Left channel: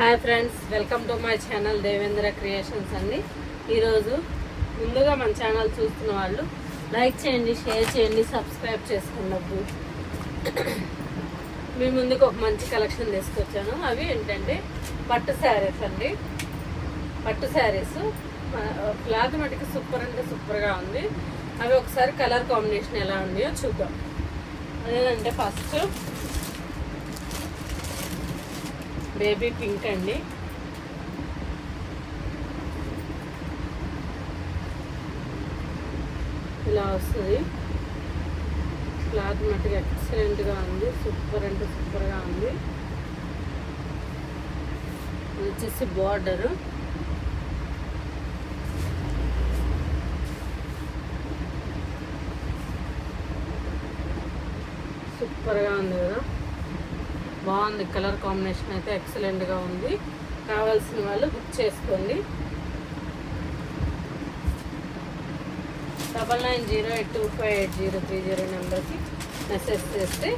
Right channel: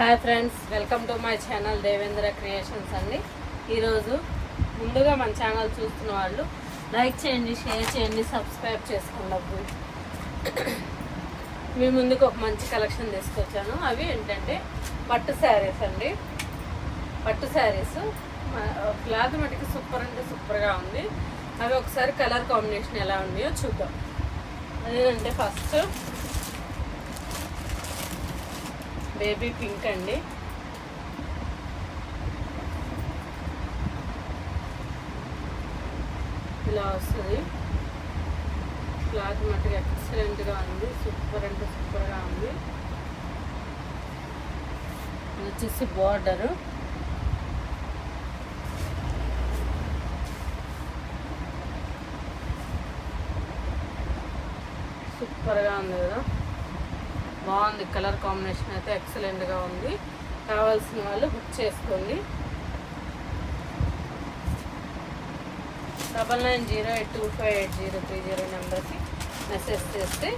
Hi friends, welcome to my channel Devendra creations అండి. ఈరోజు ముందుగా మన ఛానల్ చూస్తున్న వాళ్ళు లైక్ చేయండి, షేర్ చేయండి, సబ్స్క్రైబ్ చేసుకోండి. మీ ముందుకు ఒక మంచి కలెక్షన్ తీసుకొచ్చాను. అవి ఏంటంటే పట్టు శారీస్ అండి. పట్టు శారీస్ క్లాత్ మటుకు సూపర్ అంటే సూపర్గా ఉంది. అవి ఒకసారి కలర్ కాంబినేషన్ ఎలా ఉన్నాయో చూద్దాం. అదేంటంటే ఫస్ట్ బేబీ పింక్ అండి. ఇలా వస్తుంది. క్లాత్ మట్టుగా ఎక్సలెంట్గా ఉంది. సూపర్ అంటే సూపర్గా ఉంది. వచ్చేసి బోర్డరు సూపర్గా ఉంది కదా, బాగుంది. కలర్ కాంబినేషన్ అయితే ఎక్సలెంట్గా ఉంది. కావాల్సిన వాళ్ళు బుక్ చేసుకోండి. 9908258030 నెంబర్కి మెసేజ్ చేస్తే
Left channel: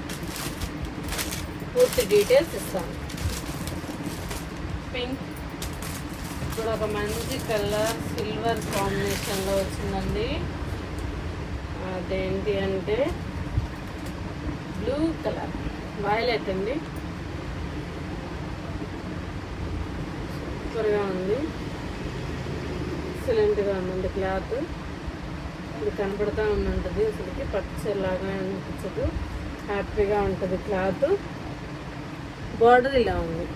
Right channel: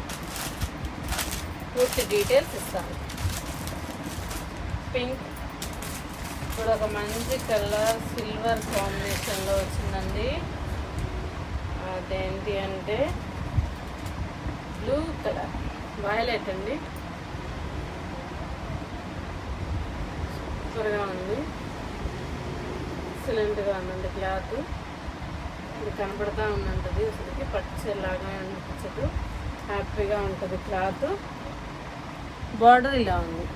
పూర్తి డీటెయిల్స్ ఇస్తాను. పింక్ ఇప్పుడు ఒక మంచి కలర్ సిల్వర్ కాంబినేషన్లో వచ్చిందండి. అదేంటి అంటే బ్లూ కలర్, వైలెట్ అండి. సూపర్గా ఉంది, ఎక్సలెంట్గా ఉందండి. క్లాత్ ఇది కనపడతా ఉందంటది. అసలుకి పచ్చలాగా అనిపించదు, హ్యాపీగా ఉంటుంది క్లాత్. బార్డర్ ఇలా ఉంది.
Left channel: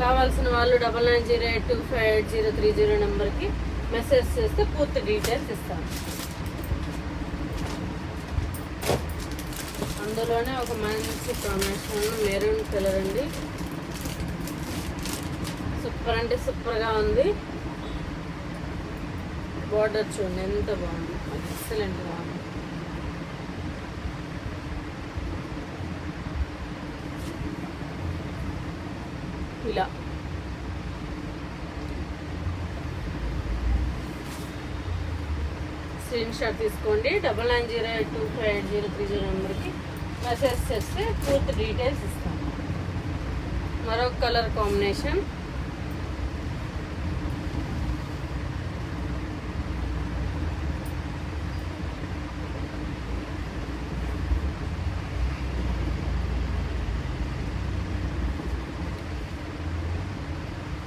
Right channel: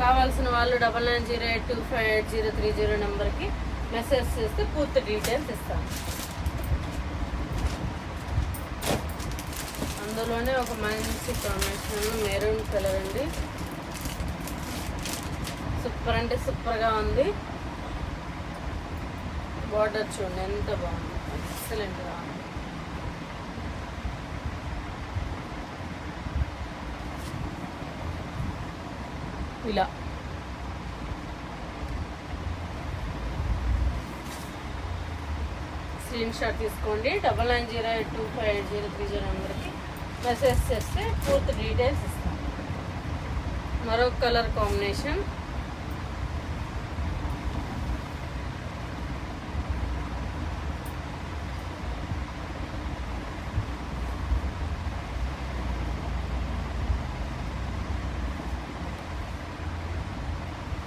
కావాల్సిన వాళ్ళు 9908258030 నెంబర్కి మెసేజ్ చేస్తే పూర్తి డీటెయిల్స్ ఇస్తాను. అందులోనే ఒక మంచి కాంబినేషన్ మెరూన్ కలర్ అండి. సూపర్ అంటే సూపర్గా ఉంది. బార్డర్ చూడండి ఎంత బాగుంది, ఎక్సలెంట్గా ఉంది. ఇలా స్క్రీన్ షాట్ తీసుకోండి. 9908258030 నెంబర్కి మెసేజ్ చేస్తే పూర్తి డీటెయిల్స్ ఇస్తాం. మరొక కలర్ కాంబినేషన్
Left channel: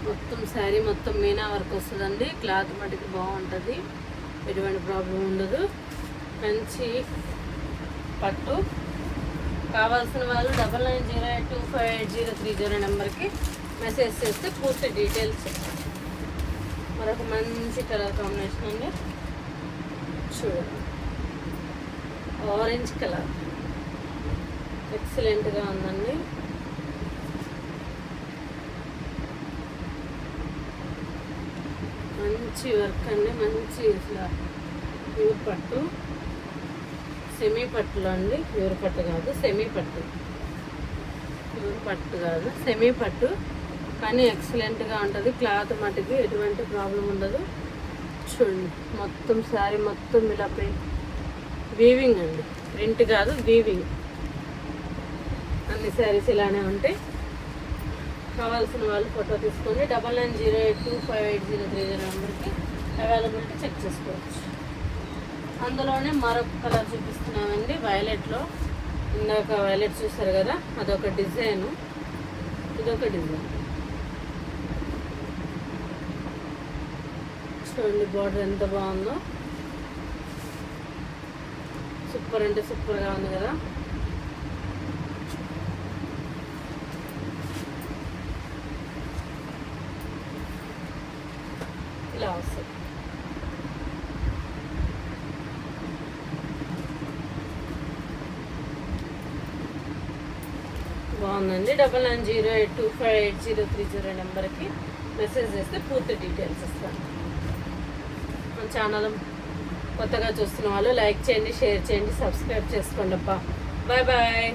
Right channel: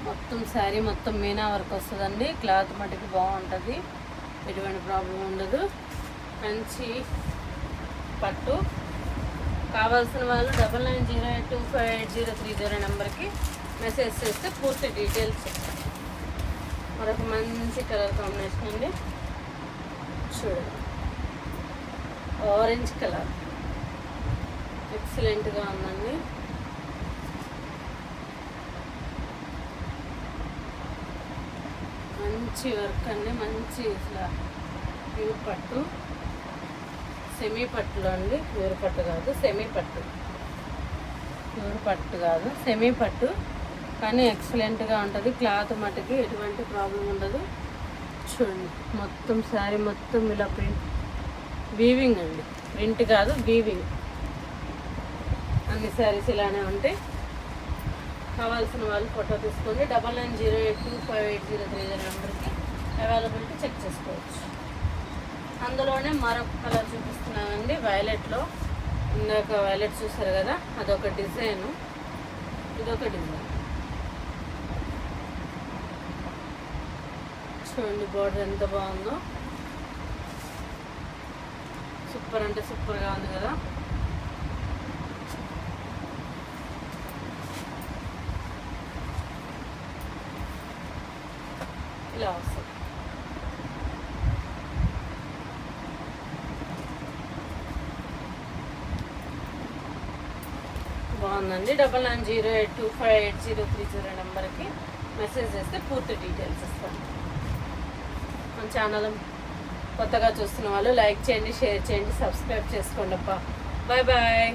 మొత్తం శారీ మొత్తం మీనా వర్క్ వస్తుందండి. క్లాత్ మటుకు బాగుంటుంది, ఎటువంటి ప్రాబ్లం ఉండదు. మంచి పట్టు. కావాల్సిన వాళ్ళు 9908258030 నెంబర్కి మెసేజ్ చేస్తే పూర్తి డీటెయిల్స్ చెప్తాను. మరొక మంచి కలర్ కాంబినేషన్ అండి. చూడండి, ఆరెంజ్ కలర్ ఎక్సలెంట్గా ఉందండి. మంచి వర్క్ అండి, మంచి ప్యూర్ పట్టు, సెమీ పట్టులో అండి. ప్యూర్ పట్టు కాదు, సెమీ పట్టు. ప్యూర్ పట్టు కాదు, సెమీ పట్టు. కానీ ఎక్సలెంట్గా ఉంటుంది. క్లాత్ మటుకి ఎటువంటి ప్రాబ్లం ఉండదు. చూడండి, మొత్తం శారీ మొత్తం ఇలా వీవింగ్ అండి, ప్రింట్ కాదు వీవింగ్. అన్ని శారీస్ ఇలానే ఉంటాయి. కావాల్సిన వాళ్ళు ఫోటో తీసుకొని 9908258030 నెంబర్కి అవైలబిలిటీ చెక్ చేసుకోవచ్చు. అందులోనే మరొక కలర్ చూపిస్తున్నానండి, వైలెట్లో. ఇందాక వైలెట్ చూసారు కదా, అదొక డిజైను, ఇదొక డిజైన్. చూడండి బార్డర్ ఎంత బాగుందో, సూపర్ అంటే సూపర్గా ఉంది కదా. ఇలా వస్తుంది. బాగుందండి. 9908258030 నెంబర్కి మెసేజ్ చేస్తే పూర్తి డీటెయిల్స్ ఇస్తాను. మన ఛానల్ కొత్తగా చూస్తున్న వాళ్ళు లైక్ చేయండి, షేర్ చేయండి, సబ్స్క్రైబ్ చేసుకోండి అబ్బా. Bye bye.